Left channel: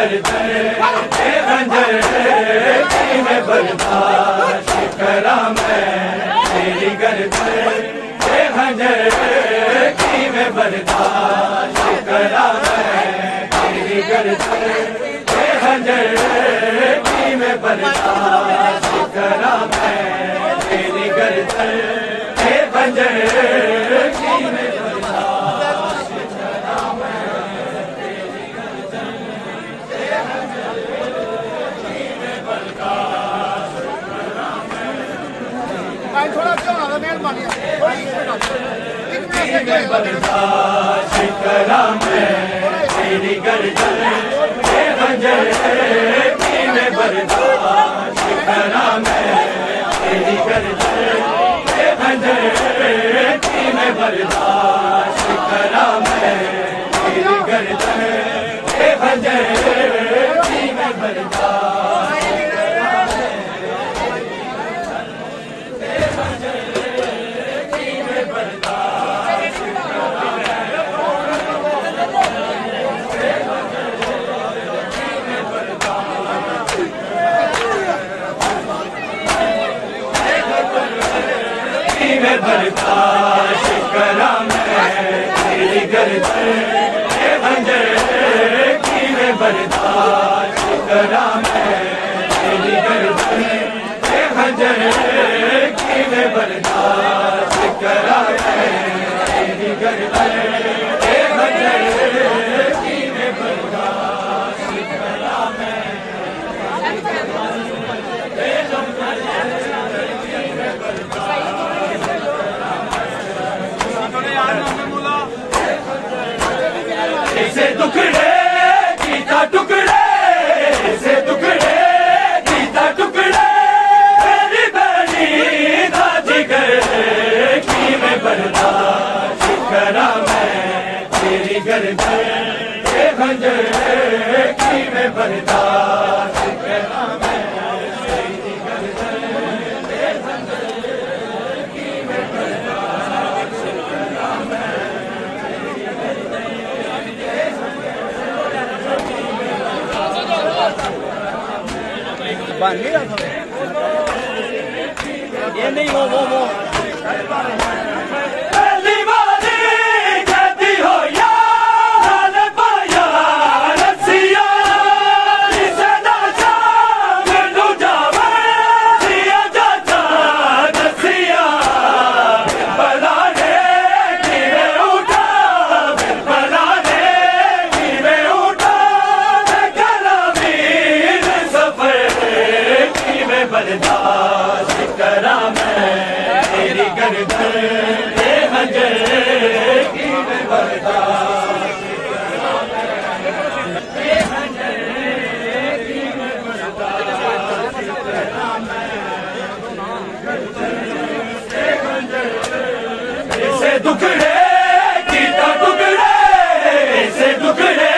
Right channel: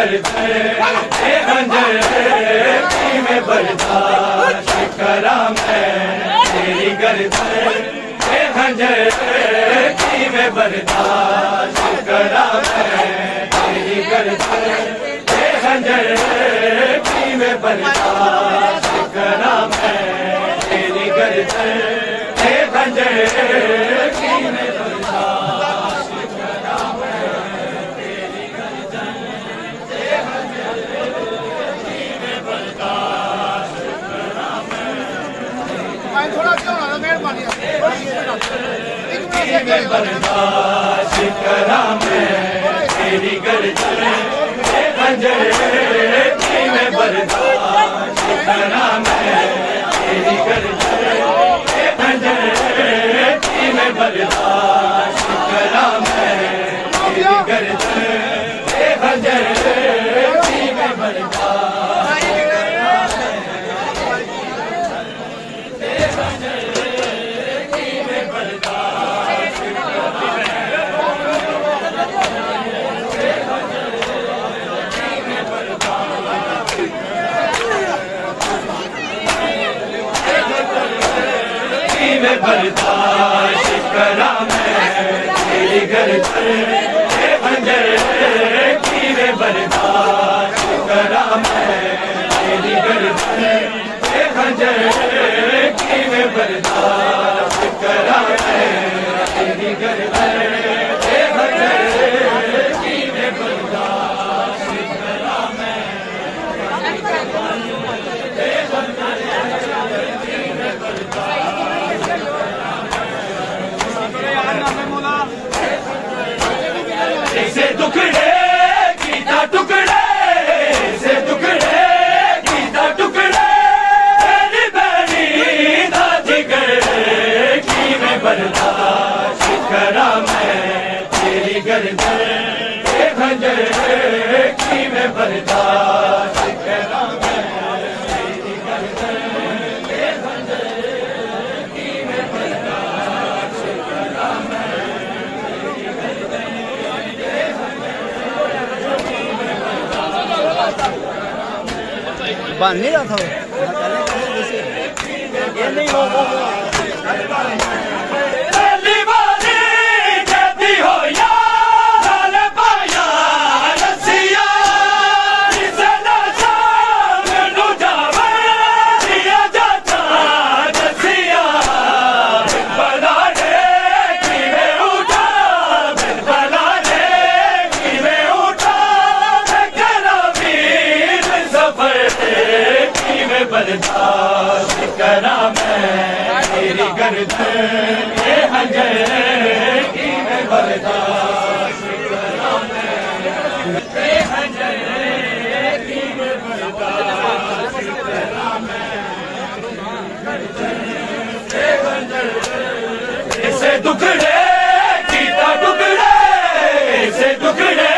गर्दन ए खंजर की मैं बर्दाश्त करा मैं तेरी गर्दन ए खंजर की मैं बर्दाश्त करा मैं तेरी गर्दन ए खंजर की मैं बर्दाश्त करा मैं तेरी गर्दन ए खंजर की मैं बर्दाश्त करा मैं तेरी गर्दन ए खंजर की मैं बर्दाश्त करा मैं थोड़ा अच्छा बना लो मेहरबानी मैं बर्दाश्त करा मैं तेरी गर्दन ए खंजर की मैं बर्दाश्त करा मैं तेरी गर्दन ए खंजर की मैं बर्दाश्त करा मैं तेरी गर्दन ए खंजर की मैं बर्दाश्त करा मैं ए खंजर की मैं बर्दाश्त करा मैं मैं बर्दाश्त करा मैं तेरी गर्दन ए खंजर की मैं बर्दाश्त करा मैं तेरी गर्दन ए खंजर की मैं बर्दाश्त करा मैं तेरी गर्दन ए खंजर की मैं बर्दाश्त करा मैं ए खंजर की मैं बर्दाश्त से टुकड़े कीता टुकड़े से टुकड़े कीता टुकड़े तेरी बहनी दा जिगर की मैं बर्दाश्त करा मैं तेरी गर्दन ए खंजर की मैं बर्दाश्त करा मैं तेरी गर्दन ए खंजर की मैं बर्दाश्त करा मैं नहीं रहा था ये नहीं वो पहली बारी जदी हो यार पाया रसिया इसे नाचा मैनू जावे दिया जाता रसिया बनाने की वे उठा बनाने की वे उठा करा वीर सफर की मैं बर्दाश्त करा मैं तेरी गर्दन ए खंजर की मैं बर्दाश्त करा मैं ए खंजर की मैं बर्दाश्त करा मैं ए खंजर इसे टुकड़े कीता टुकड़े इसे टुकड़े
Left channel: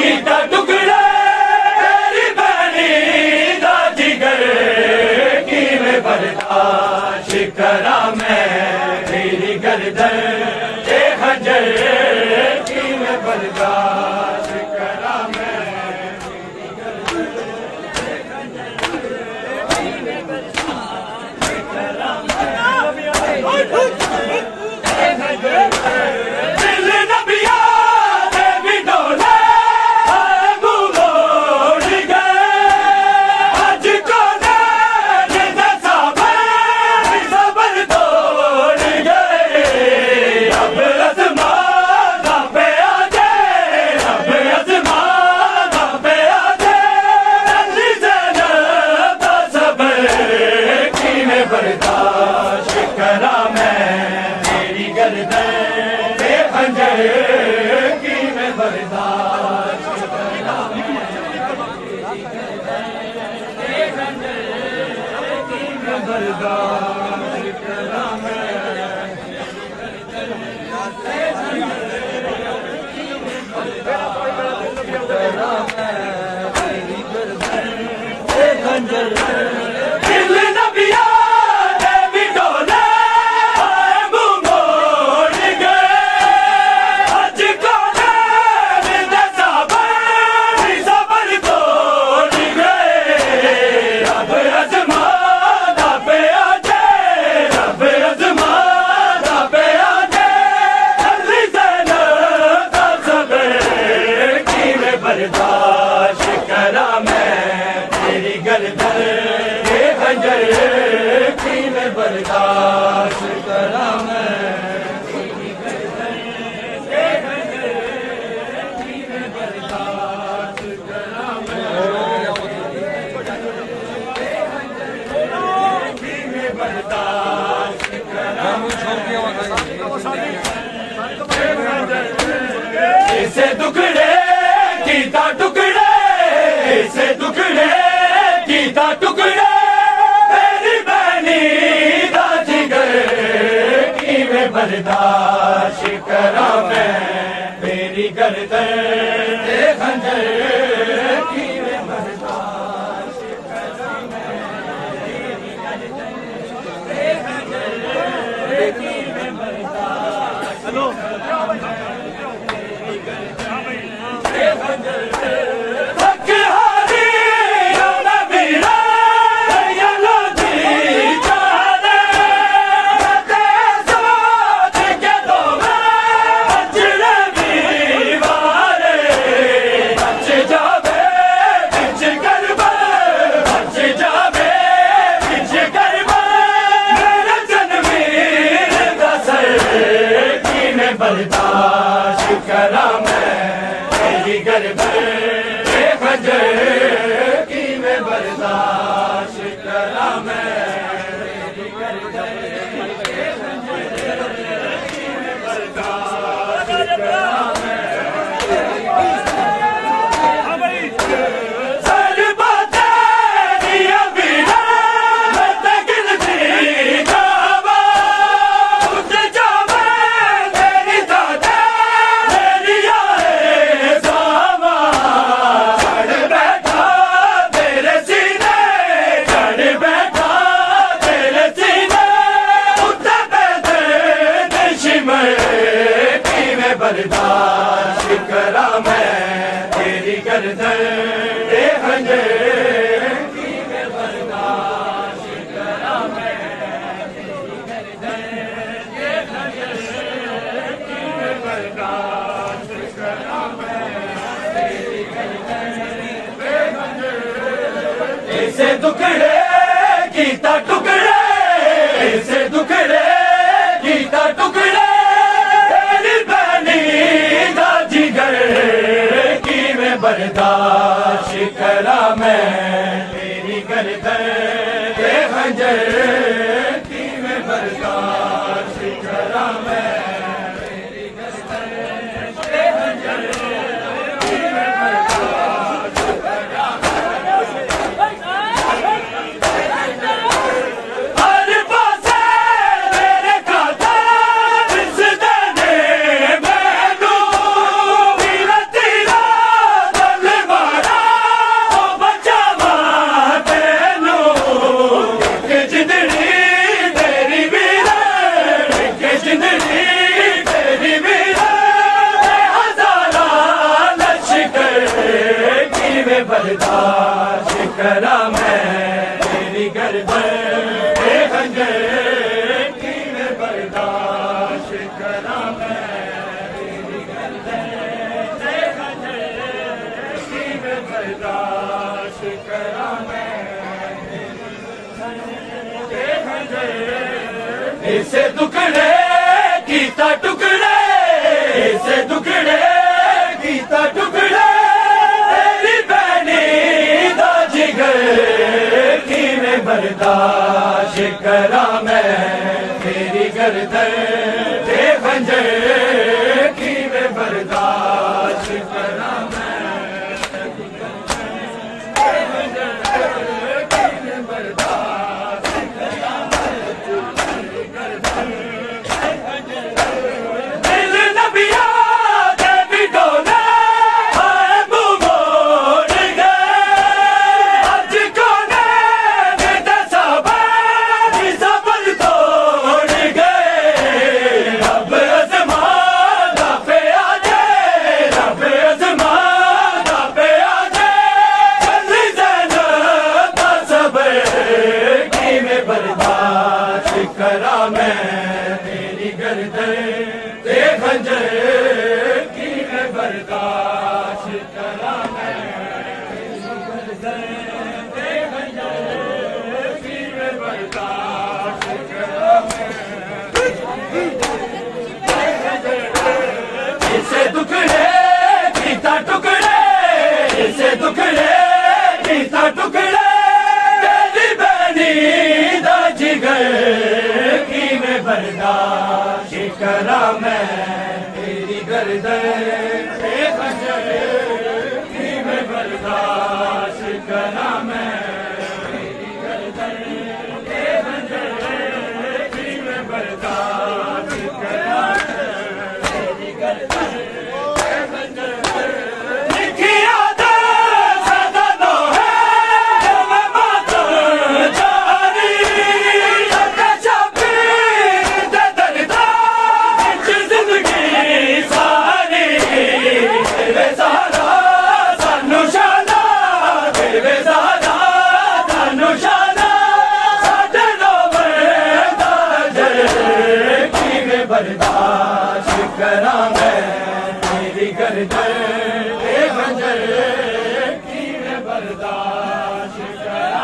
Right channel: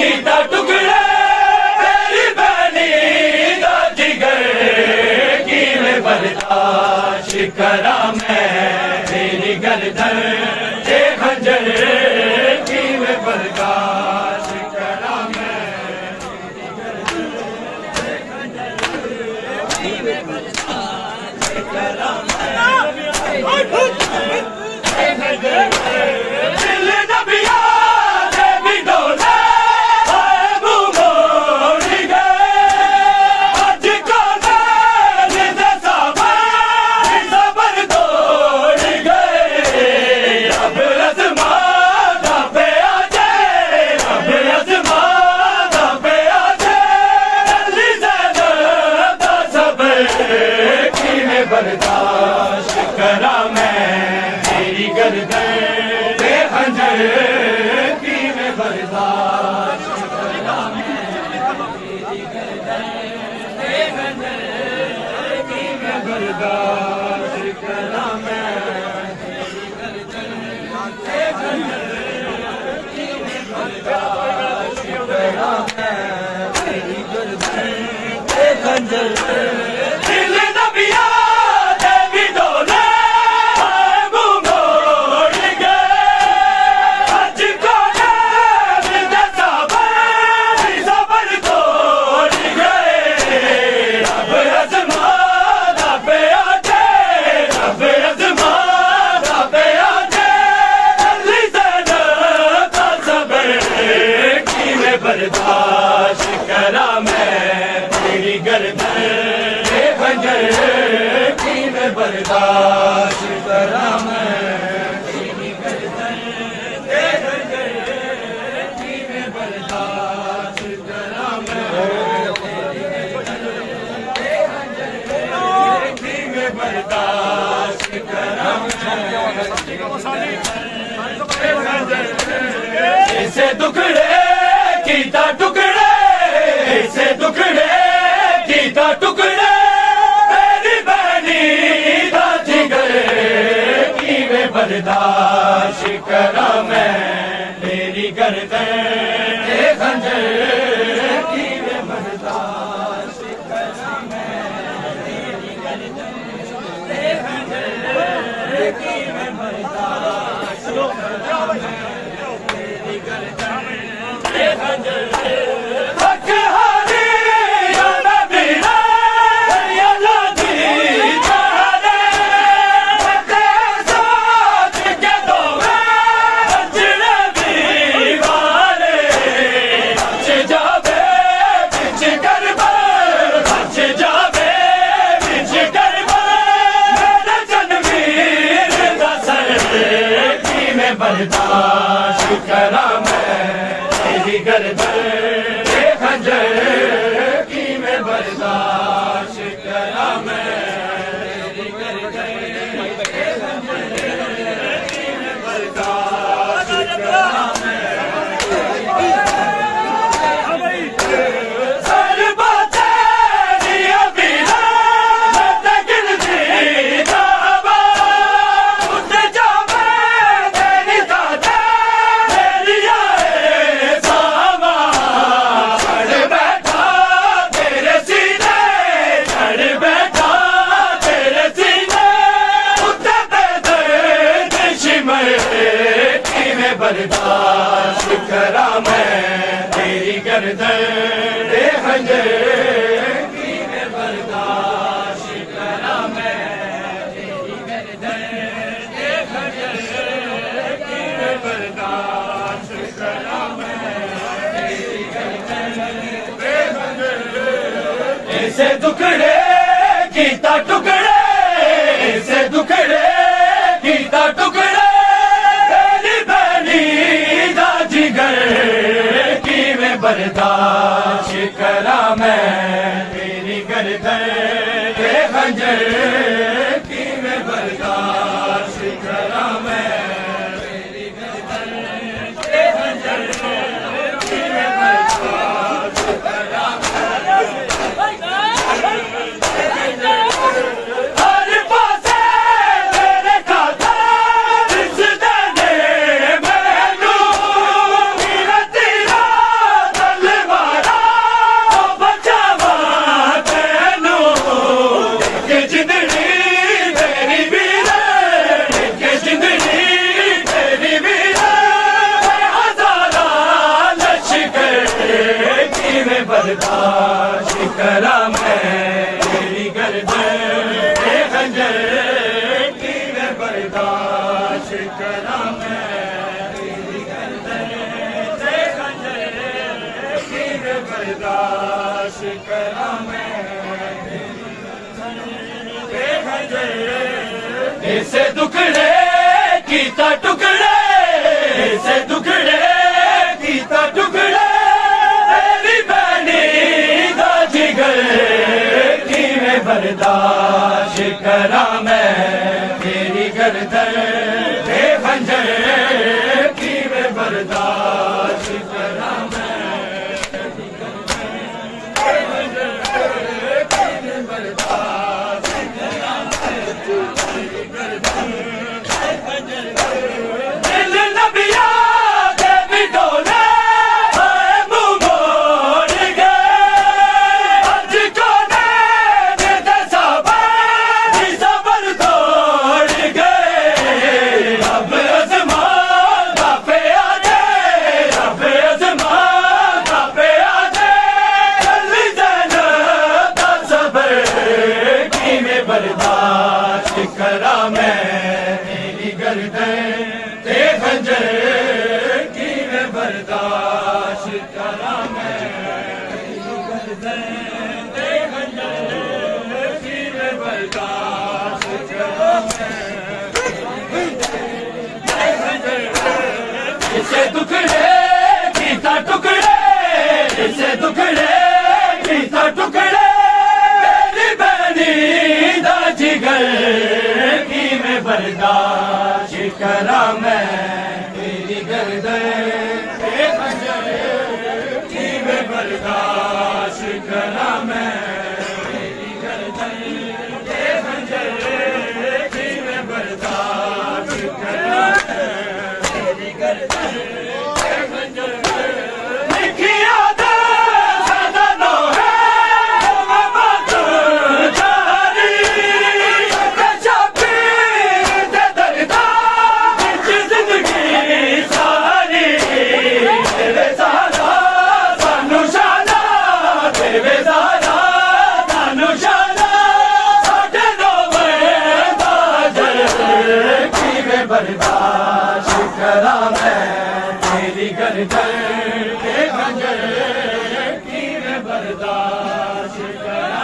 कीता टुकड़े तेरी बहनी दा जिगर की मैं बर्दाश्त करा मैं तेरी गर्दन ए खंजर की मैं बर्दाश्त करा मैं दिल नबिया दे भी डोले मोड़ गए आज को सबर तोड़ गए अब रस्मा पे आजे अब रस्मा पे आजे जल्दी से सबर की मैं बर्दाश्त करा मैं तेरी गर्दन ए खंजर की मैं बर्दाश्त करा मैं तेरी गर्दन ए खंजर की मैं बर्दाश्त करा मैं तेरी गर्दन ए खंजर दिल नबिया दे भी डोले मोड़ गए आज को सबर ये खंजर की मैं बर्दाश्त करा मैं इसे दुखड़े कीता टुकड़े इसे दुखड़े कीता टुकड़े मेरी बहनी दा जिगर की मैं बर्दाश्त करा मैं मेरी गर्दन ये खंजर की मैं बर्दाश्त करा मैं मेरी गर्दन ये खंजर की मैं बर्दाश्त बर्दाश्त करा मैं मेरी गर्दन ये खंजर की मैं बर्दाश्त करा मैं मेरी गर्दन ये खंजर की मैं बर्दाश्त करा मैं सर बातें दिया बिना मैं तकिन थी जावा उठे जावा बर्दाश्त करा मैं तेरी गर्दन ये खंजर की मैं बर्दाश्त करा मैं तेरी गर्दन ये खंजर की मैं बर्दाश्त करा मैं तेरी गर्दन ये खंजर ऐसे दुखड़े कीता टुकड़े ऐसे दुखड़े कीता टुकड़े की मैं बर्दाश्त करा मैं मेरी गर्दन ये खंजर की मैं बर्दाश्त करा मैं मेरी गर्दन ये खंजर की मैं बर्दाश्त करा हर पासे मेरे खाता रिस देने बर्दाश्त करा मैं मेरी गर्दन ये खंजर की मैं बर्दाश्त करा मैं मेरी गर्दन ये खंजर की मैं बर्दाश्त करा मैं ये खंजर इसे दुखड़े कीता टुकड़े इसे दुखड़े कीता टुकड़े की मैं बर्दाश्त करा मैं तेरी गर्दन ये खंजर की मैं बर्दाश्त करा मैं दिल नबिया देवी डोले बर्दाश्त करा मैं तेरी गर्दन ये खंजर की मैं बर्दाश्त करा मैं तेरी गर्दन ये खंजर ना टुकड़े तेरी बैनी दा जिगर की मैं बर्दाश्त करा मैं तेरी गर्दन के बंजर की मैं बर्दाश्त करा मैं तेरी गर्दन के बंजर की मैं बर्दाश्त करा तेरी गर्दन के बंजर लिखिया दो सदनो है मैं बात जारी कचपी दे दर्दा बिच जिंदगी सारी तेरे सहारा सानू शादा तेरे सहारा सानू शादा साडे रोवे दा जर की मैं बर्दाश्त करा मैं तेरी गर्दन के खंजर की मैं बर्दाश्त करा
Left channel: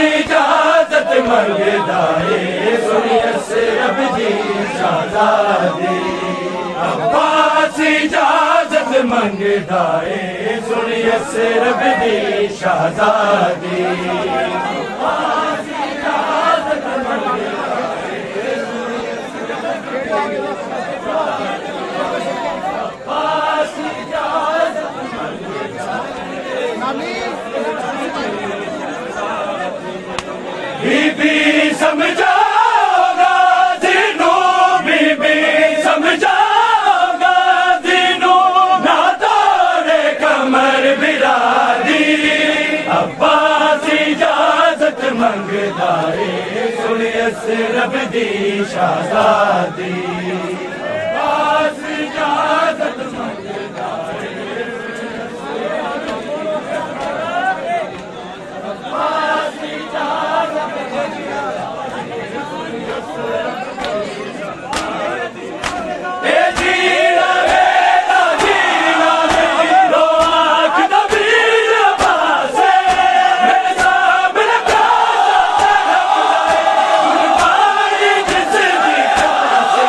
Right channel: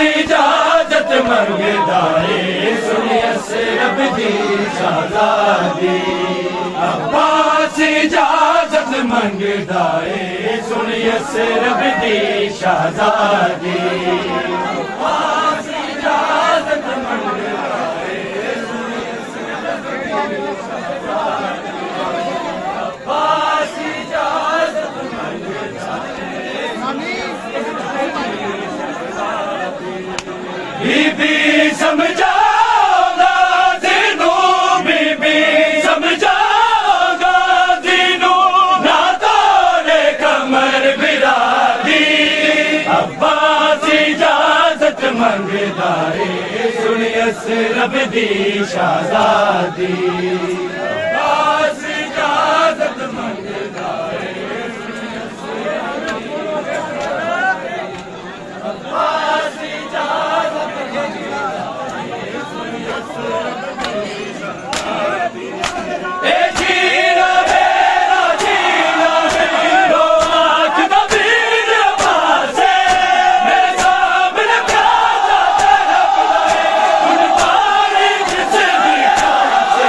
इजाजत मंगदा है सुनिए से रब दी शाहजादी अब्बास इजाजत मंगदा है सुनिए से रब दी शाहजादी अब्बास इजाजत मंगदा है सुनिए से रब दी अब्बास इजाजत मंगदा बीबी समझागा दिनू बीबी समझागा दिनू ना तोड़े कमर बिरादी अब्बास इजाजत मंगदा है सुनिए से रब दी शाहजादी अब्बास इजाजत मंगदा है सुनिए से अब्बास इजाजत ए जीना मेरा जीना लो आँख दबीर पासे मेरे सामने प्यासा तड़प रहे गुरबानी जिस भी प्यासे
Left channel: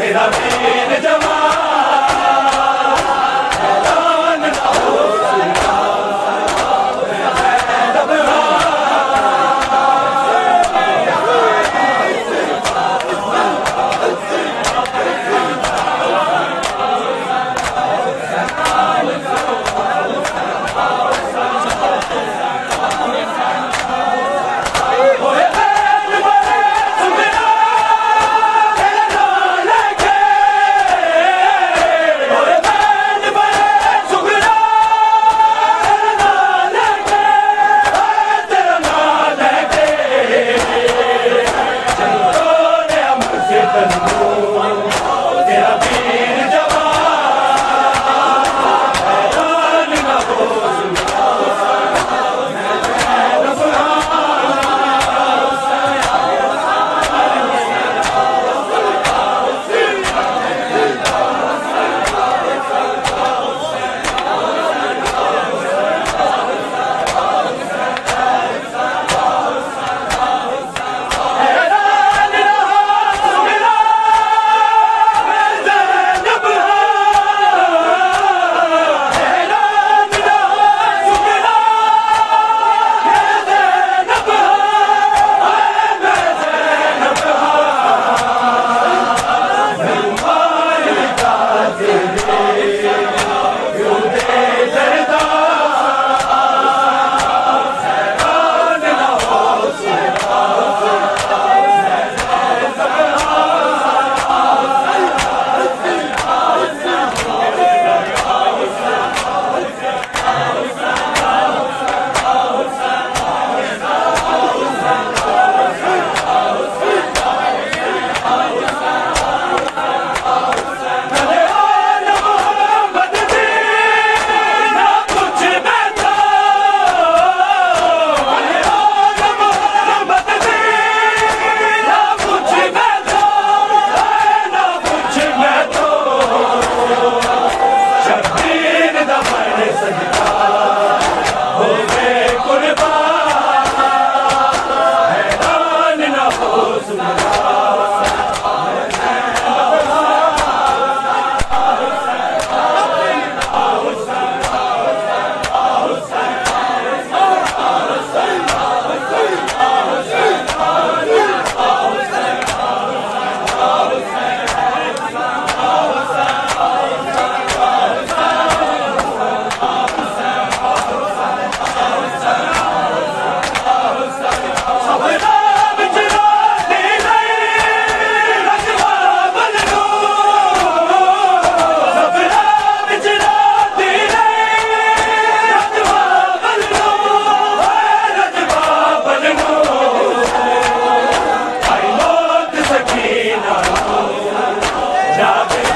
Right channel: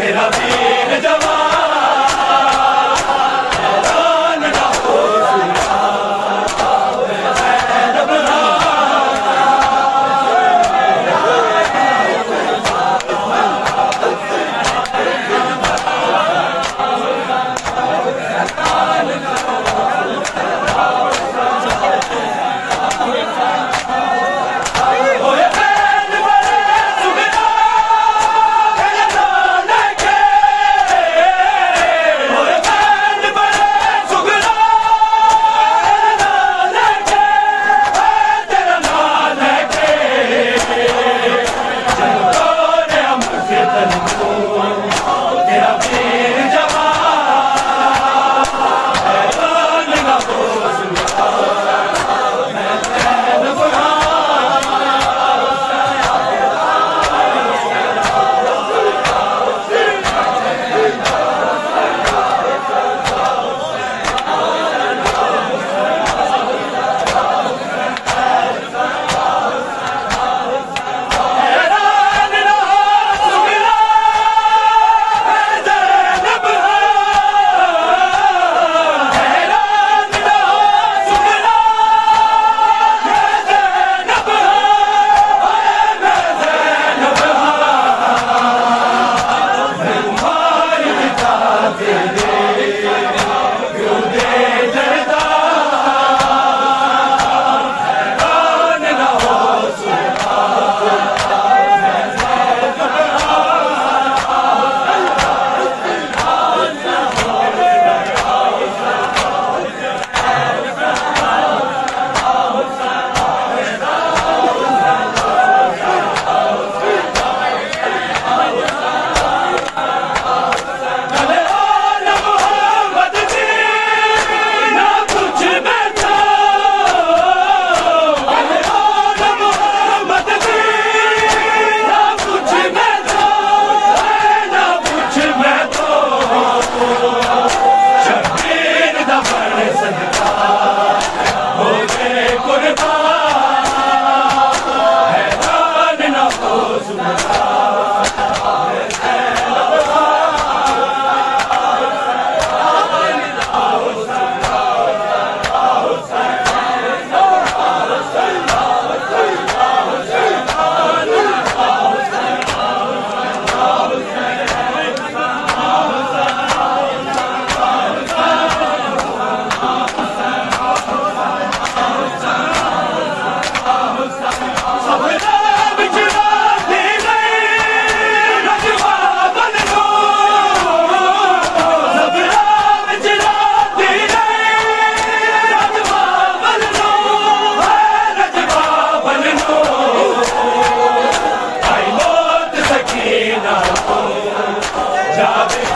मेरा दीन जवान ऐलान ना हो सुना मैं ज़ैनब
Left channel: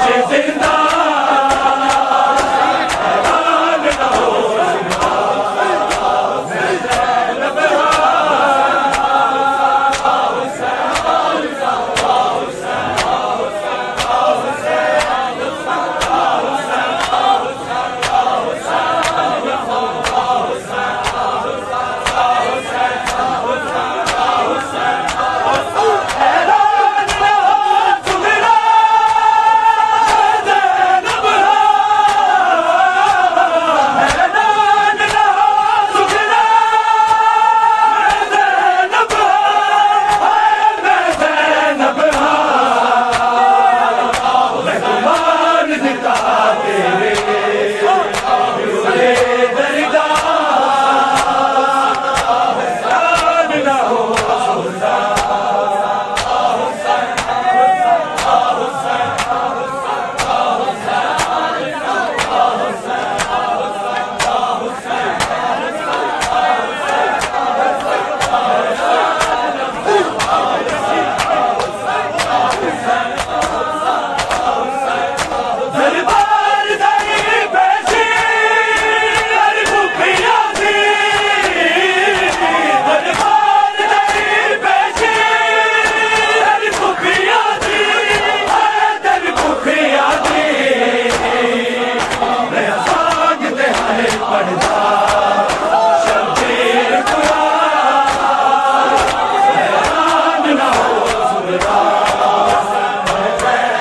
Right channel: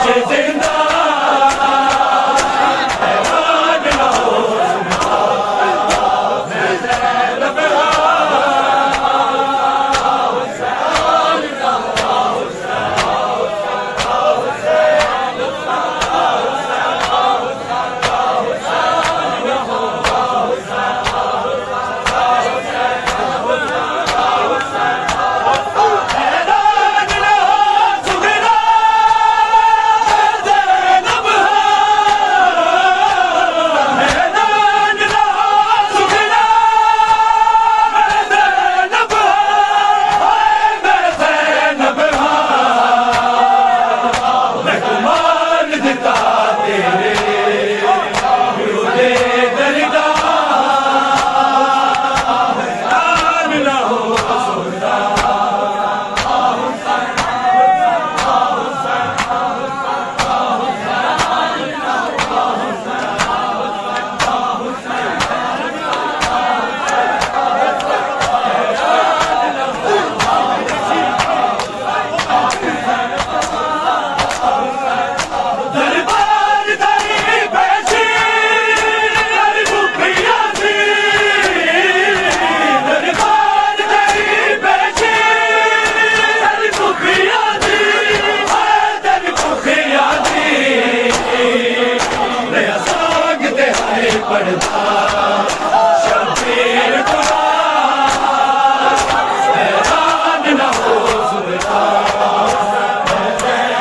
जिंदा हैरान न हो सुनता मैं ज़ैनब पढ़ता शब्बीर खुदा हैरान न हो सुनता मैं ज़ैनब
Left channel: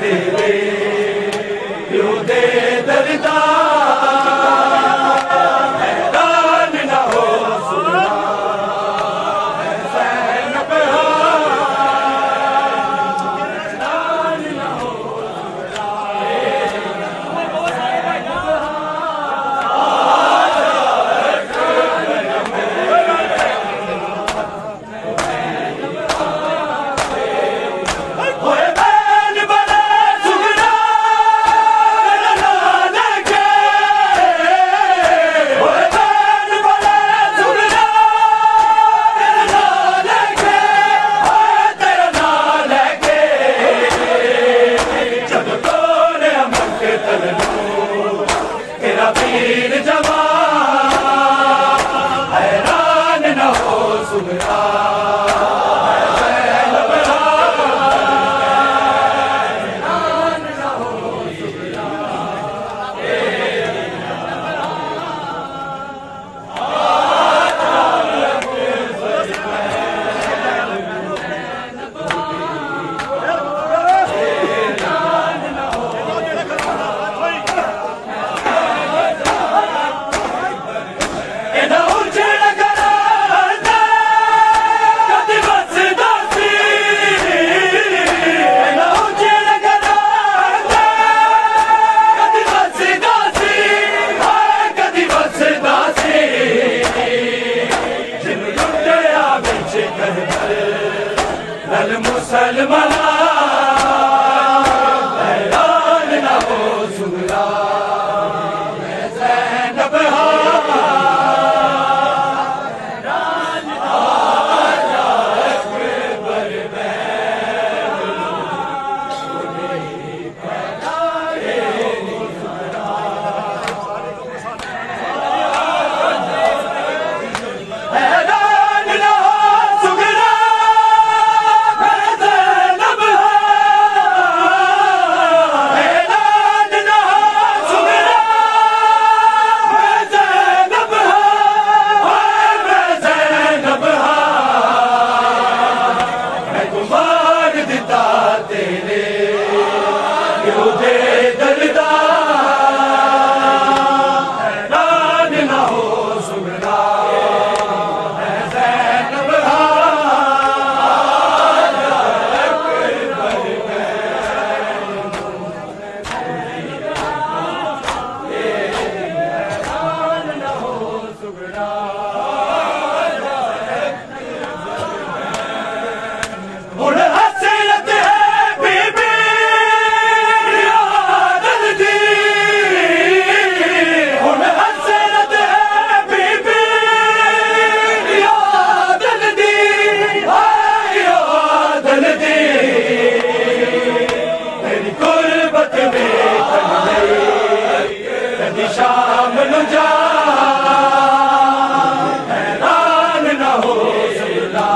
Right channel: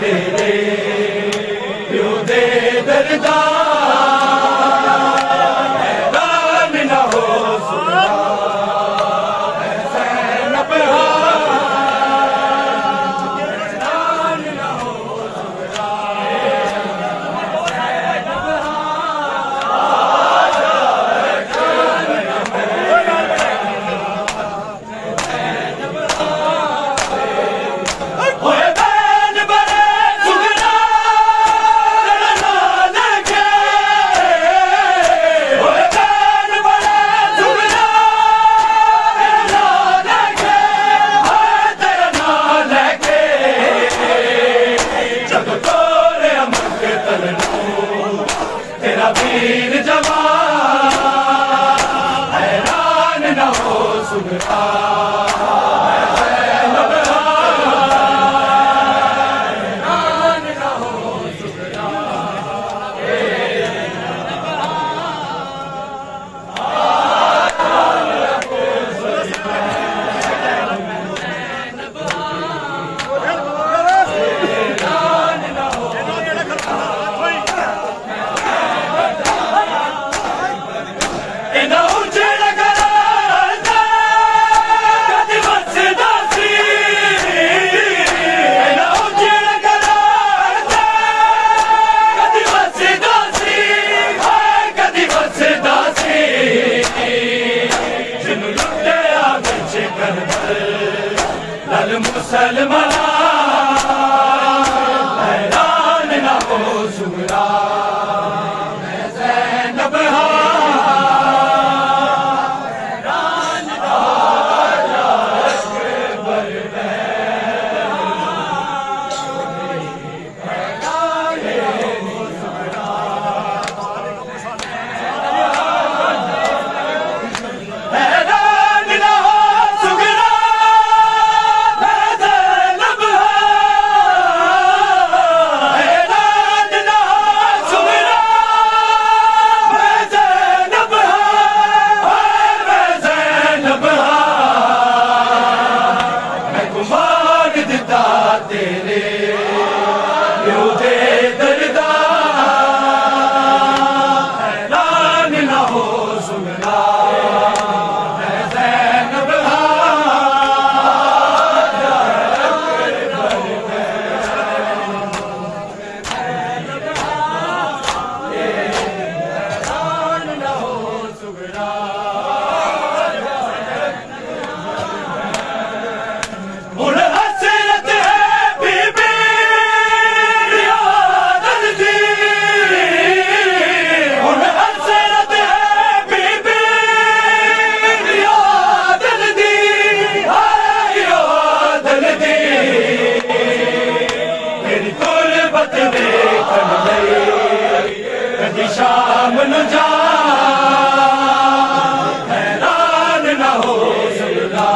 तेरे क्यों दे दर्दा हैरान न हो सुनता मैं ज़ैनब तेरा वीर जवान हैरान न हो सुनता मैं ज़ैनब हैरान न हो सुनता लल मुसलमाना हैरान न हो सुनता मैं ज़ैनब हैरान न हो सुगरा मैं ज़ैनब शाम न जा हैरान न हो सुना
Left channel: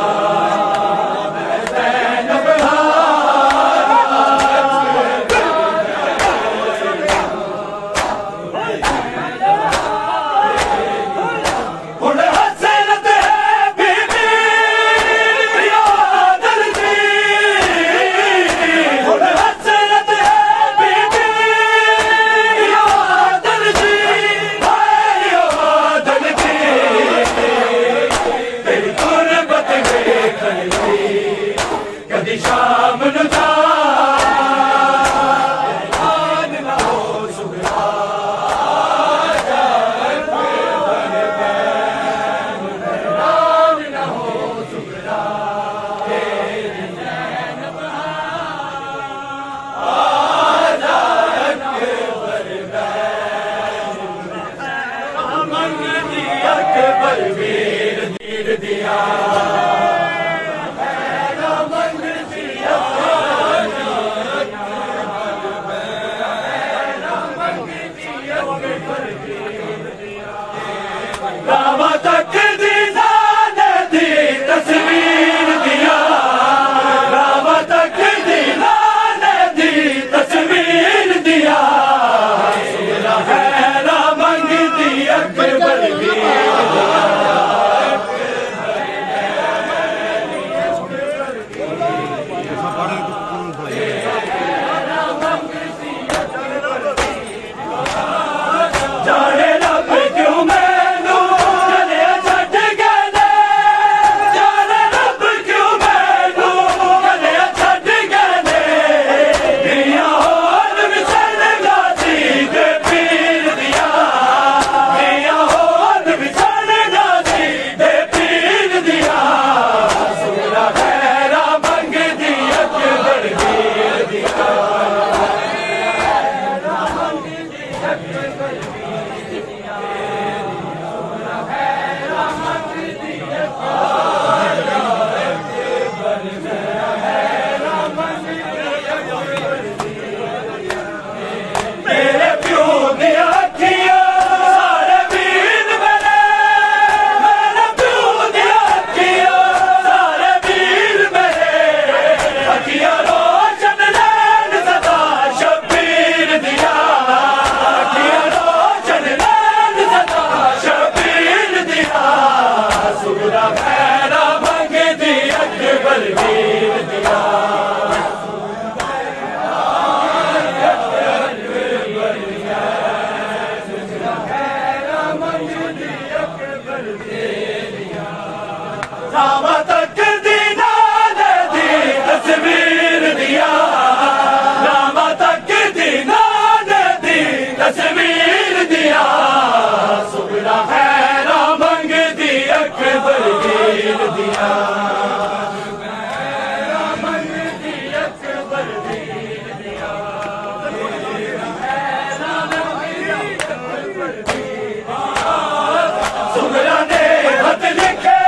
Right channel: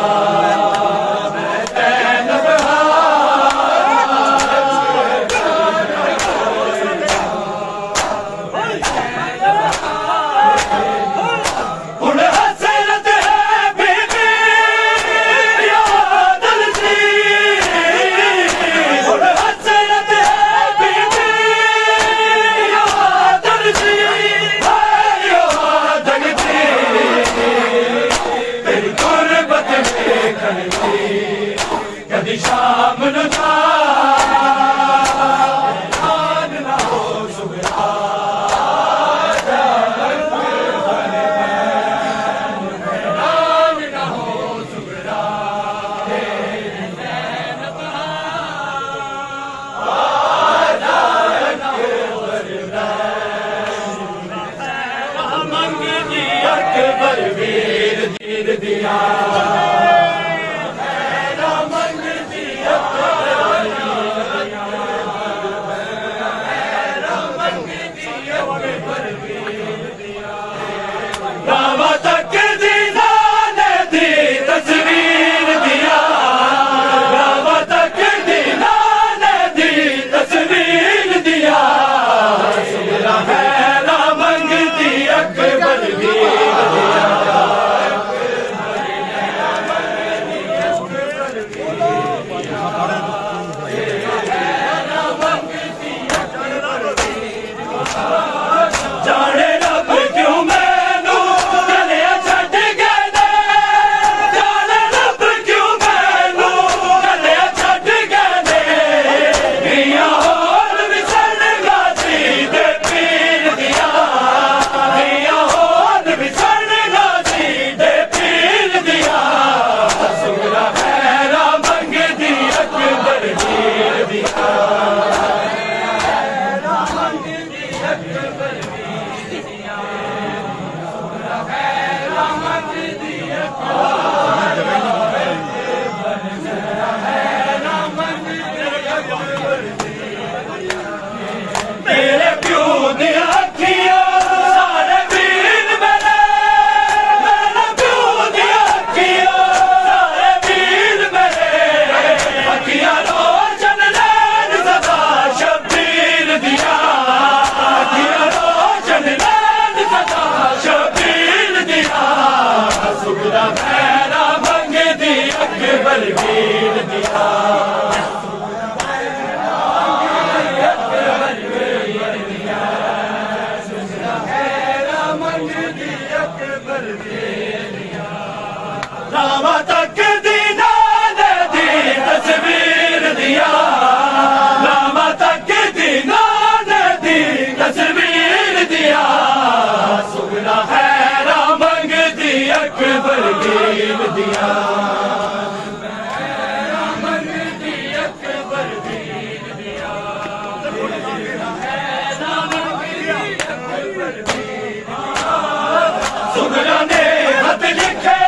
कदी शाम न जा हैरान न हो सुबह हैरान न हो सुबह अकबर वीर वीर दिया रामा तक दीदा ने दी तस्वीर दिया रामा तक दीदा ने दी तस्वीर दिया सुना है रामंग दी अकबर वीर दिया जाने रब क्यों मैनू चले छड़ गए जाने रब क्यों मैनू चले छड़ गए मियां होर विचल गाजी दे पीर दिया मियां होर विचल गाजी दे पीर दिया सुना है रामंग दी अकबर वीर दिया मेरे प्यो दिया किया सारे वीर मेरे मेरे प्यो दिया किया सारे वीर मेरे अखियां रोशन नैन सदा शबीर दिया अखियां रोशन नैन सदा शबीर दिया सुगरा खैरा मंग दी अकबर वीर दिया रामा तक दीदा ने दी तस्वीर दिया रामा तक दीदा ने दी तस्वीर दिया सुना है रामंग दी अकबर वीर दिया रामंग दी अकबर वीर दिया सुगरा ने हथ लिखे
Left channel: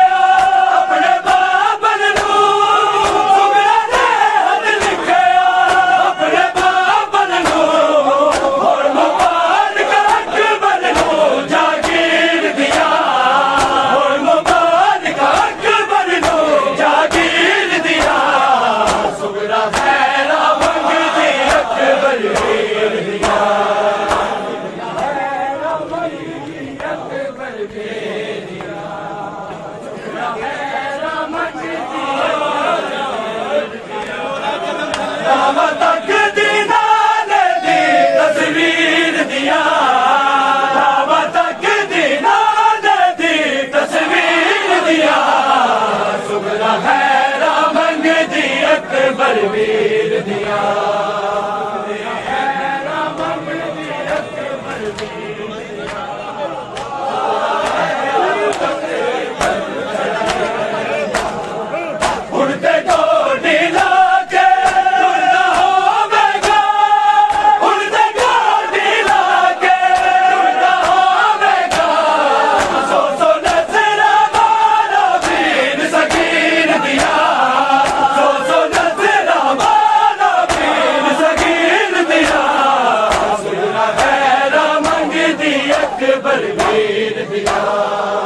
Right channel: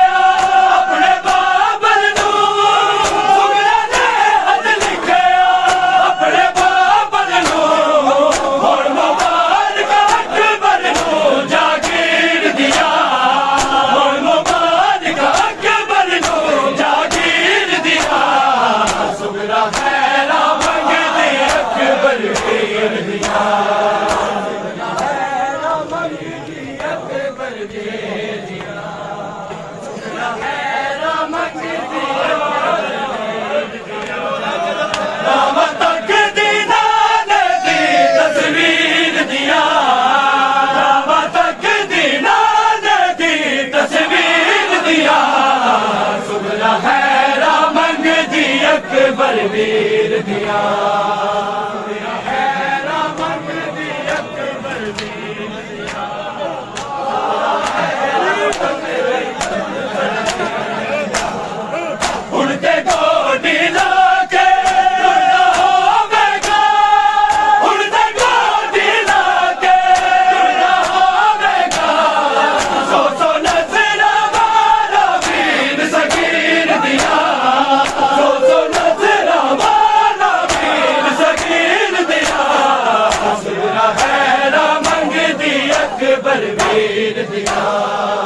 रामा तक दीदा ने दी तस्वीर दिया रामा तक दीदा ने दी तस्वीर दिया सुना है रामंग दी अकबर वीर दिया रामंग दी अकबर वीर उड़ते गोडी लाके सगीर बलवीर दिया